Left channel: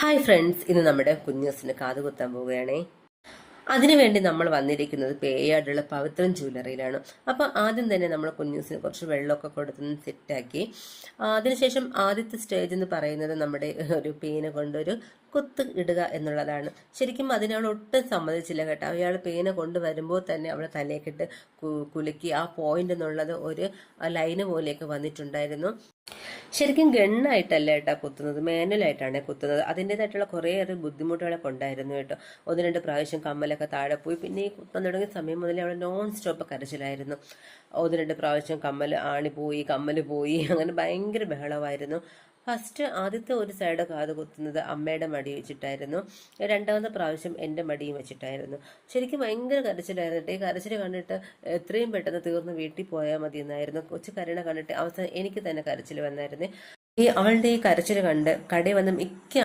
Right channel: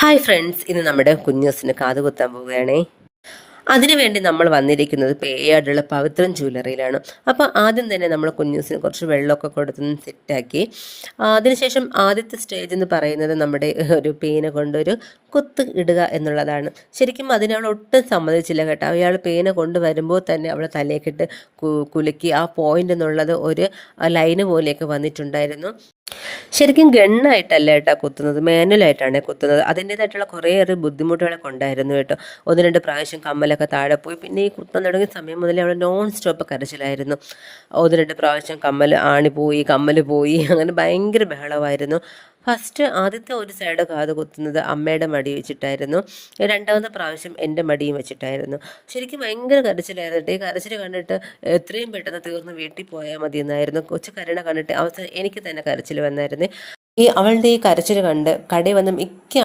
Hi friends, ഇന്ന് നമ്മുടെ കുഞ്ഞൂസിന് കാത് കുത്താൻ പോവുകയാണേ. അതിനുവേണ്ടി നമ്മൾ വന്നിരിക്കുന്നത് പേയാടുള്ള പവിത്രൻ ജ്വല്ലറിയിലാണ്. അപ്പോൾ ആദ്യം തന്നെ നമ്മൾ കുഞ്ഞൂസിന് കുറച്ച് വെള്ളമൊക്കെ കൊടുത്തൊന്ന് സെറ്റാക്കി. അതിനുശേഷം ആദ്യത്തെ സ്റ്റേജ് എന്ന് പറയുന്നത് നമ്മുടെ ഒരു പേന കൊണ്ടൊരു കുത്ത് ഇടുക എന്നുള്ളതാണ്. ശരിക്കും അതിനവൾ ഒട്ടും സമ്മതിച്ചില്ല കേട്ടോ. അയാൾ പേന കൊണ്ടുവരുമ്പോൾ തന്നെ അവളെ തലയൊക്കിട്ട് കുലുക്കി ആ പോയിന്റ് എന്നുള്ളത് ഒരു ലൈന് പോലെയൊക്കെ വന്നിട്ടുണ്ടായിരുന്നു. ശരിക്കും ഗണ്ണായിട്ടല്ല കേട്ടോ കുത്തുന്നത്, മാനുവലായിട്ടാണ് കുത്തുന്നത്. അതിൻ്റേതായിട്ടുള്ള കുറേയേറെ ബുദ്ധിമുട്ടുകളൊക്കെ ഉണ്ടായിരുന്നു കേട്ടോ. ഒന്ന് രണ്ട് പ്രാവശ്യം കമ്മലൊക്കെ താഴെ പോയി. പിന്നെ ഈ കുത്താൻ തുടങ്ങിയ സമയം മുതലേ അവൾ നോൺ സ്റ്റോപ്പ് കരച്ചിലായിരുന്നു. ഒന്ന് രണ്ട് പ്രാവശ്യം ആണി പോയി, കമ്മൽ പോയി, അങ്ങനെ ഭയങ്കര ബഹളമായിരുന്നു. ഫസ്റ്റ് ആദ്യത്തെ ഒരു സൈഡ് കാത് കുത്തുന്നത് അമ്മയുടെ മടി വെച്ചിട്ടായിരുന്നു. രണ്ടാമത്തെ പ്രാവശ്യം എൻ്റെ മടിയും വെച്ചിട്ടായിരുന്നു. ശരിക്കും ഭയങ്കര കരച്ചിലായിരുന്നു. ഈ കരച്ചിൽ കണ്ടിട്ട് എത്രയും പെട്ടെന്ന് തീർന്ന് വീട്ടിൽ പോയാൽ മതി എന്നായിരുന്നു. കൊച്ചു കരുണ കണ്ടിട്ട് അവസാനം എനിക്ക് തന്നെ കരച്ചിൽ വന്നായിരുന്നു. അവളുടെ ഈ കരച്ചിൽ കണ്ട് കടയിൽ വന്ന് മിക്ക